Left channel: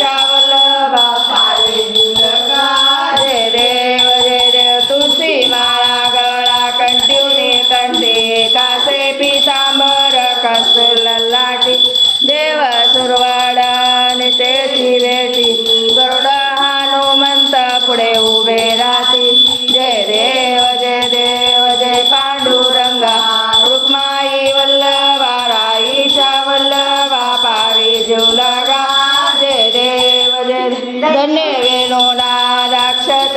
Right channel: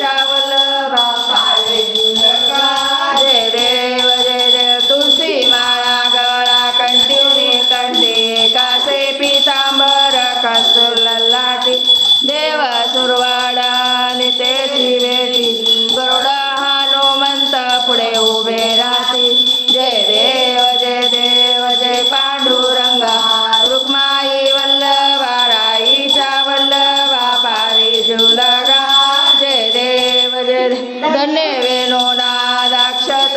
वल्लभा जय देव तुळशी माळा गळा कंटिवनी कंठी कासे पितांबर कस्तूर ललाटी देव सुरवाडा नितेची बेटी गरुड हनुमंत पुढे उभे राहती जय देव जय पांडुरंगा रुक्माई वल्लभा राईच्या वल्लभा पावी जीव लगा जय देव धन्य वेणो नादाक्षत